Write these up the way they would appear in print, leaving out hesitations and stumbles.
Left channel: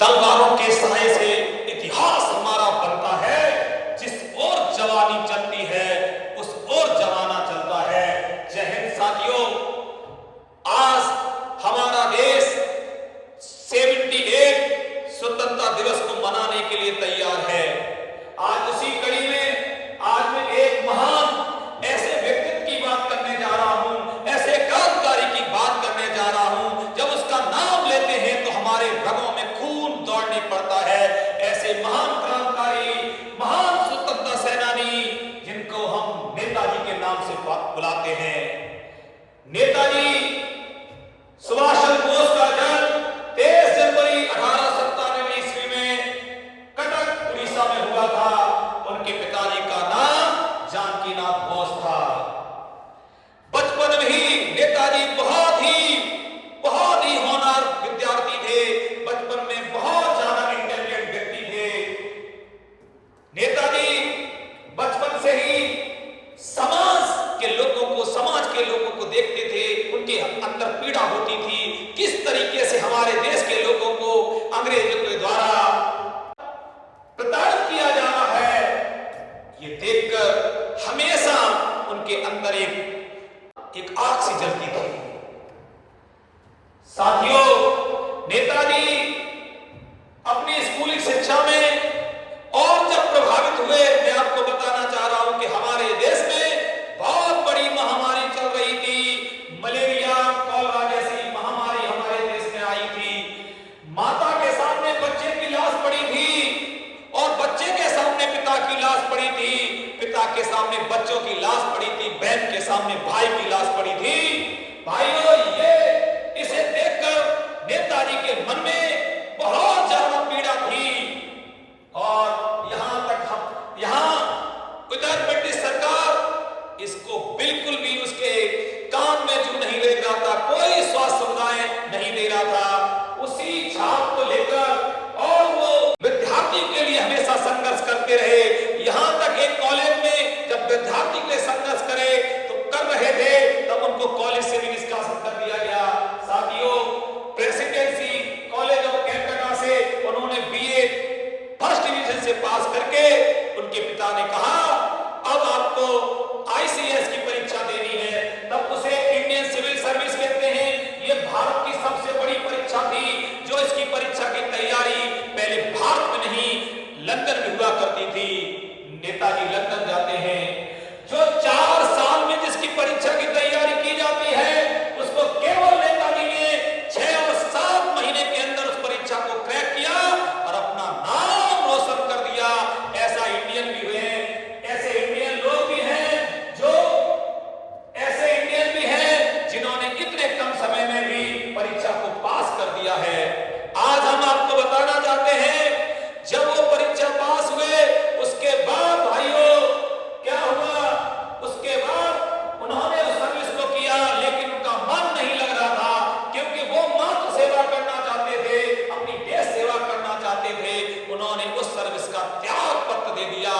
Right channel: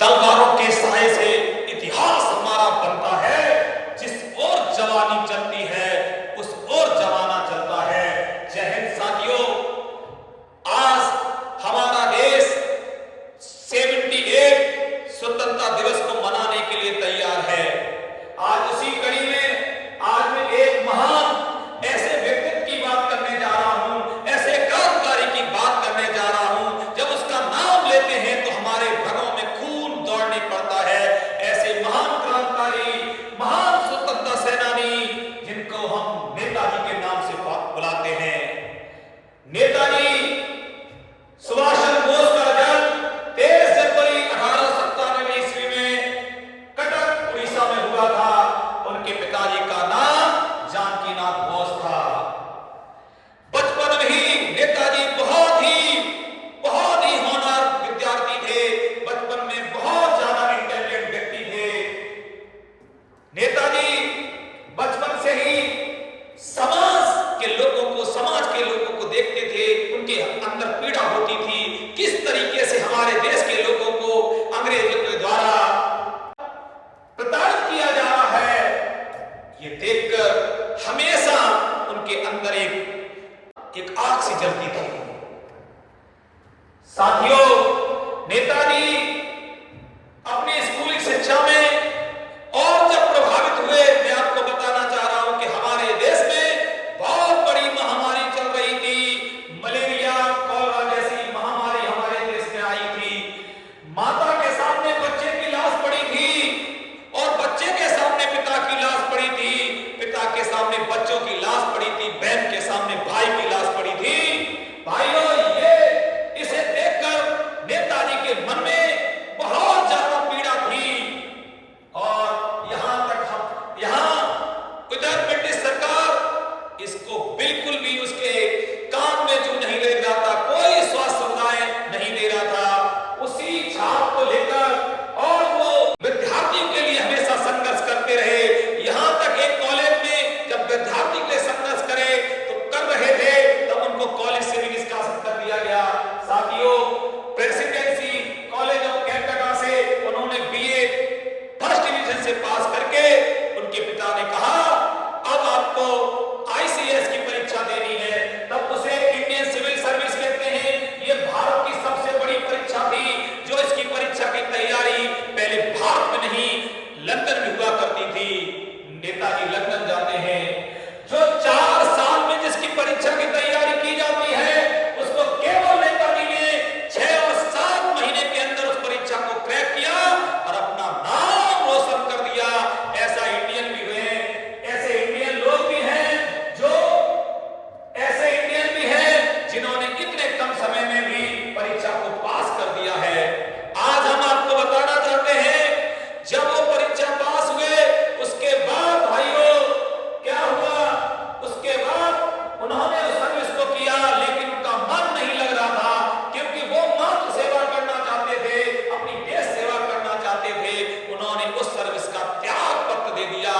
तलवारों के साए से इतिहास हमारा बनता है। जिस ओर जवानी चलती है उस ओर जमाना चलता है। जय हिंद साथियों, आज हमारा देश 78 स्वतंत्रता दिवस को मनाने के लिए तैयार है। आज उसी कड़ी में आज मैं एक महान ऐसे व्यक्तित्व की बात करने जा रहा हूं, ऐसे क्रांतिकारी की बात करने जा रहा हूं। जब उसका नाम लेते हैं तो हमारे रगों में खून दौड़ने पड़ता है। ऐसे महान क्रांतिकारी, महान स्वतंत्रता सेनानी जिनको हम नेताजी के नाम से बुलाते हैं। नेताजी सुभाष चंद्र बोस का जन्म 23 जनवरी 1897 ईस्वी में कटक उड़ीसा में हुआ था। उनके पिताजी का नाम जानकीनाथ बोस था। बचपन में ही नेताजी बहुत ही होनहार विद्यार्थी थे। बचपन में बहुत ज्यादा इंटेलिजेंट व्यक्ति थे। नेताजी बचपन से ही समाज के लोगों को देखते थे। उनके अंदर पीड़ा होती थी, किस तरीके से हमारे देश के लोगों को अंग्रेजों के द्वारा प्रताड़ित किया जा रहा है। ये देखकर हमेशा उनके अंदर एक आग सी जलती थी। साथियों, नेताजी अपनी स्कूली शिक्षा में और जब प्रभावित हुए, मैं आपको बताना चाह रहा हूं कि हमारे देश में बहुत बड़ी महामारी चल रही थी। मलेरिया, कॉलरा जैसी महामारी हमारे देश में आई थी। माता के सामने बच्चे की लाश पड़ी थी और बच्चे के सामने पिता की लाश पड़ी थी। पिता के सामने बच्चों की लाश पड़ी थी। बहन के सामने भाई की लाश पड़ी थी। भाइयों, इसे देखकर नेताजी के मन में बहुत ज्यादा पीड़ा थी। और यहां उधर ब्रिटिश सरकार इसको बिल्कुल भी उसके काम में जो नहीं ले रहा था, कोई स्वास्थ्य सुविधाएं नहीं दे रहा था। उसी छाप को लेकर और वो विद्यार्थी के लिए हमेशा संघर्ष करते रहे। यहां तक एक कॉलेज में जब विद्यार्थी के लिए संघर्ष कर रहे थे तब उनको कॉलेज से भी निष्कासित कर दिया गया। साथियों, प्रेसिडेंसी कॉलेज ऑफ कैलकाटा से उन्होंने बीए फर्स्ट डिवीजन से पास करके उनके पिता ने कहा अब आपको आईसीएस की परीक्षा देनी है। तब उसे इंडियन सिविल सर्विस कहते हैं। यह भारत की सबसे बड़ी परीक्षा थी। जो इसकी परीक्षा की तैयारी पहले भारत में नहीं लंदन में हुआ करती थी। नेताजी लंदन जाते हैं। जो 4 साल में जिसकी परीक्षा की तैयारी की जाती है उसको केवल नेताजी ने 6 और 7 महीने के अंदर उस परीक्षा को क्रैक किया और अपना नाम रोशन कर दिया। ऐसा इंडियन भी हुए, ऐसे इंडियन लोग भी हैं जिन्होंने इतने कम समय में भी परीक्षा को पास कर दिया है। आज हम आपको बताना चाहते हैं, जब वो परीक्षा पास हुए उसके बाद भाइयों क्या हुआ? उसके बाद उन्होंने सर्विस तो किया लेकिन उनका मन नहीं लग रहा था, क्योंकि वो मात्र सेवा करना चाहते थे, अपनी देश सेवा करना चाहते थे। उन्होंने उस सर्विस का त्याग पत्र दे दिया।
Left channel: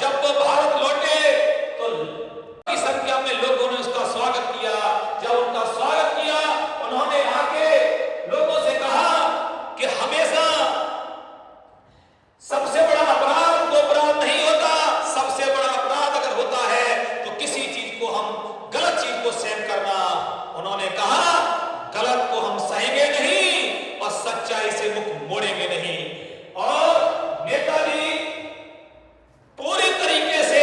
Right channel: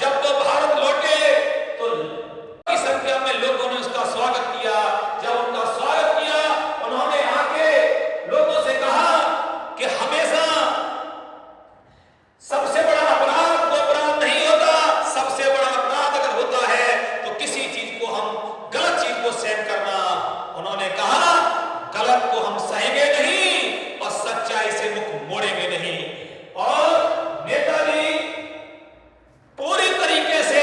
जब वो भारत लौटे तो की संख्या में लोगों ने उसका स्वागत किया। जब उनका स्वागत किया, उन्होंने आके लोगों से कहा कि हमेशा सबसे बड़ा अपराध वो अपराध नहीं होता। सबसे बड़ा अपराध अगर होता है तो किसी चीज को हम गलत चीज को सहन करना। उन्होंने कहा गलत को हम सहेंगे नहीं और सच्चाई से मुख मोड़ेंगे नहीं। और नेताजी पूरी तरीके से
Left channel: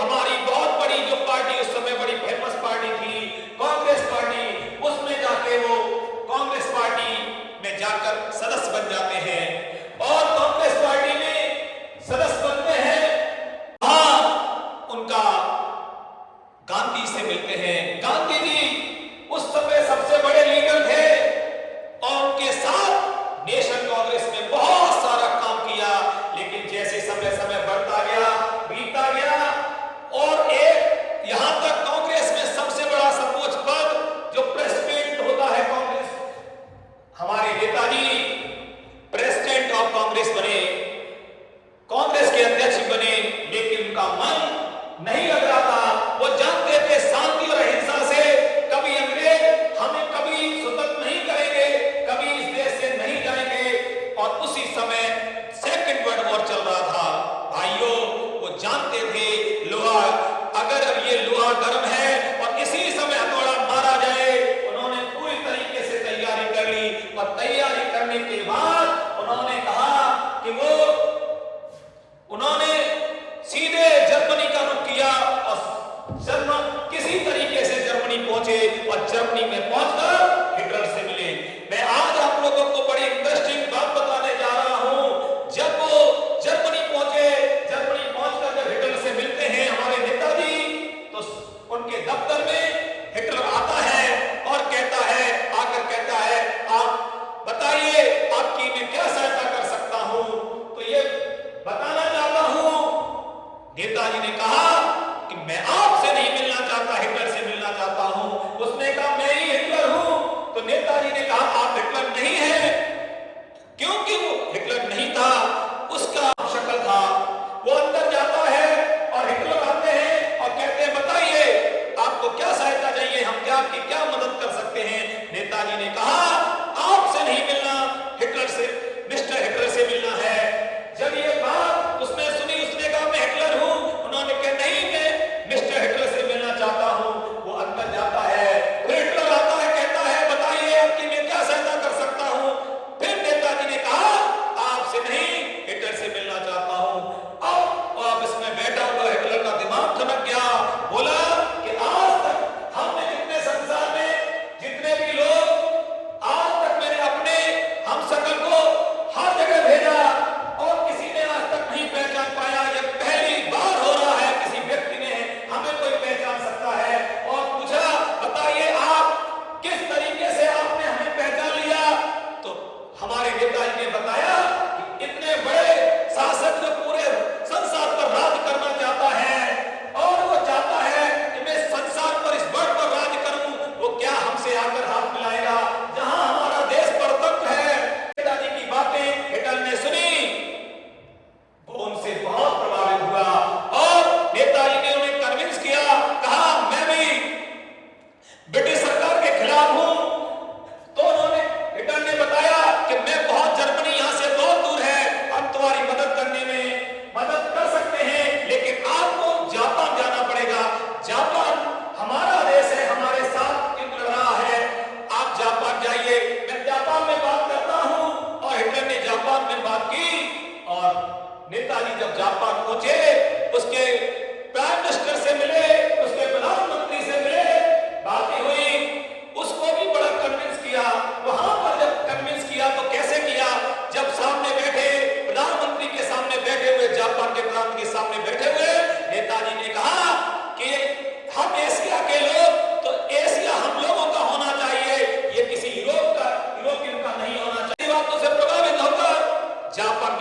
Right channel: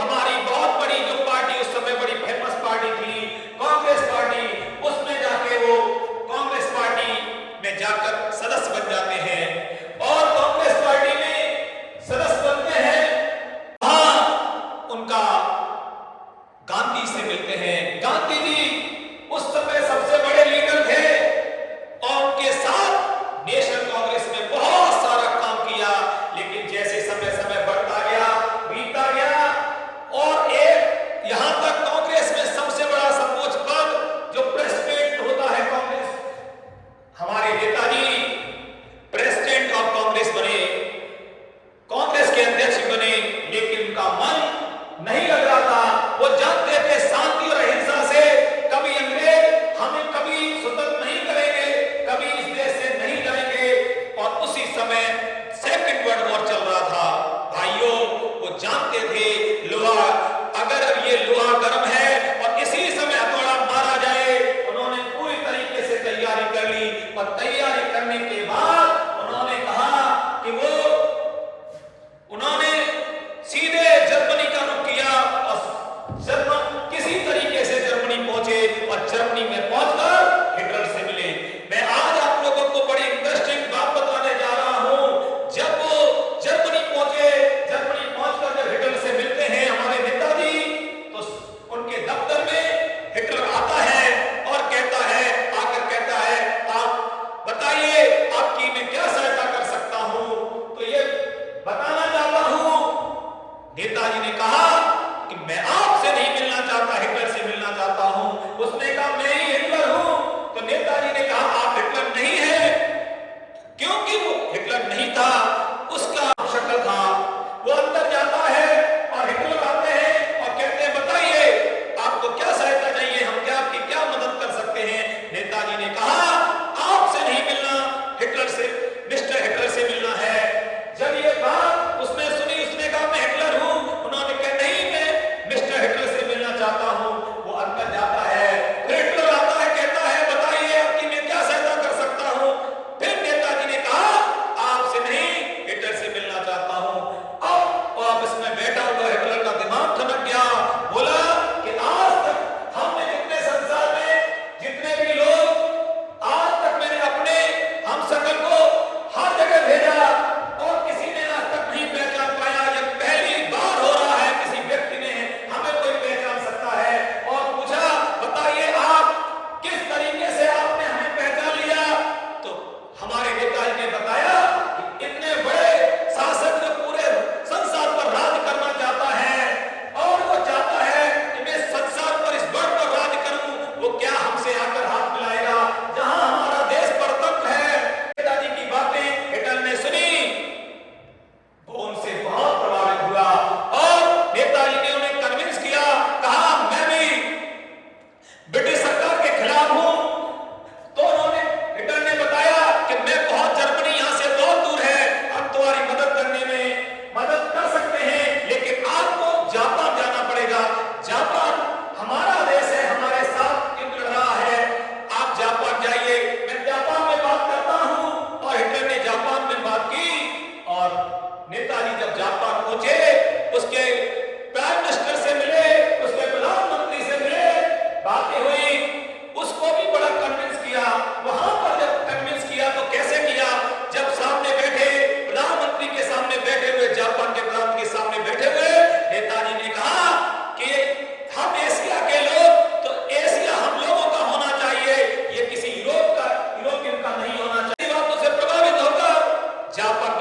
हमारी बहुत बड़ी जो पार्टी उस समय बड़ी फेमस पार्टी थी कांग्रेस पार्टी, उसमें जाके वो कांग्रेस पार्टी में जाकर सदस्य बन जाते हैं। और कांग्रेस पार्टी में सदस्य बनते हैं, वहां उनका गांधी से मिलते हैं। गांधी जी उस समय सबसे बड़े लीडर थे और उनके साथ नेशनल कांग्रेस में बहुत सारा काम किया। लेकिन जैसे समय बढ़ता गया, बीतता गया और एक यहां तक कांग्रेस में सबसे बड़ा सर्वोच्च पद जो प्रेसिडेंट होता है कांग्रेस, हमारे नेताजी प्रेसिडेंट ऑफ कांग्रेस बने, कांग्रेस के अध्यक्ष बने। लेकिन उनका मन नहीं लग रहा था। वो जानते थे शांति और अहिंसा से कभी अंग्रेज हमें कभी स्वतंत्र नहीं करेंगे, कभी इस देश से नहीं जाएंगे। और उसी नहीं था, उसका शक्ल था। वो अंदर जाता है और हिटलर आते हैं और कहते हैं बताइए आपको क्या सहायता चाहिए, हम क्या आपकी क्या मदद कर सकते हैं। नेताजी ने कहा आपसे नहीं मिलना, हिटलर से, मिस्टर हिटलर से मिलना है। जब ये बात उसने सुनी, उसने कहा मैं हिटलर हूं। उन्होंने कहा नहीं, मैं मिस्टर हिटलर से मिलना चाहता हूं। वो अंदर जाता है, फिर हिटलर आता है, कहता है बताइए आपकी मैं क्या सहायता कर सकता हूं। फिर नेताजी ने कहा आपसे नहीं, हिटलर से मिलना चाहता हूं। अब वापस में बैठा हुआ हिटलर का दिमाग ठनक गया, बोला कि आज तक हमने जितने संसार में जितने भी लोग, आज तक मैंने अपने हम सकल को हर जगह भेजा और किसी ने आज तक नहीं पहचान पाया। यह पहली बार हो रहा है किसी व्यक्ति ने हमें कोई पहचान सकता है। और पूछा बताइए आप किस तरीके से आपने हमें पहचान लिया। तो हमारे नेताजी ने बताया कि इतने बड़े शासक जो पूरे संसार पर राज करना चाहता है और वो चाहता है कि मैं संसार पर इस वर्ग पर राज करूं, वो क्या हमसे आकर हाथ मिलाएगा जहां हमारा देश परतंत्र है। नेताजी की बातें हिटलर ने सुनी, वो उनसे बहुत प्रभावित हुआ और नेताजी ने उन्हें कन्विंस किया, कहा मैं भी ब्रिटिश सरकार के खिलाफ हूं। तो उन्होंने, हिटलर ने बताया कि मैं बहुत, जर्मनी यहां से बहुत दूर है, हम तुम्हारी मदद करने में मदद कर सकते हैं, लेकिन आपको जापान जाना पड़ेगा। जापान हमारा देश है, हमारे साथ युद्ध लड़ रहा है, आप जापान जाइए, मैं जापान में बात करता हूं। और हिटलर ने जापान में बात की और नेताजी जब जापान पहुंचे, उसके प्राइम मिनिस्टर से मिले, उसके प्रधानमंत्री से मिले, बातें हुई, उसको भी बड़ा कन्विंस किया। वहां पर जब कन्विंस किया तो कैसे किया, जब सामने बैठे प्रधानमंत्री के सामने बैठे हुए, जापान के प्रधानमंत्री के सामने बैठे हुए, नेताजी ने कहा कि हम एशिया के लोग, तो एशिया हम लोगों का होना चाहिए, ये किसी यूरोपियन का नहीं होना चाहिए। बातों से प्रभावित होकर जापान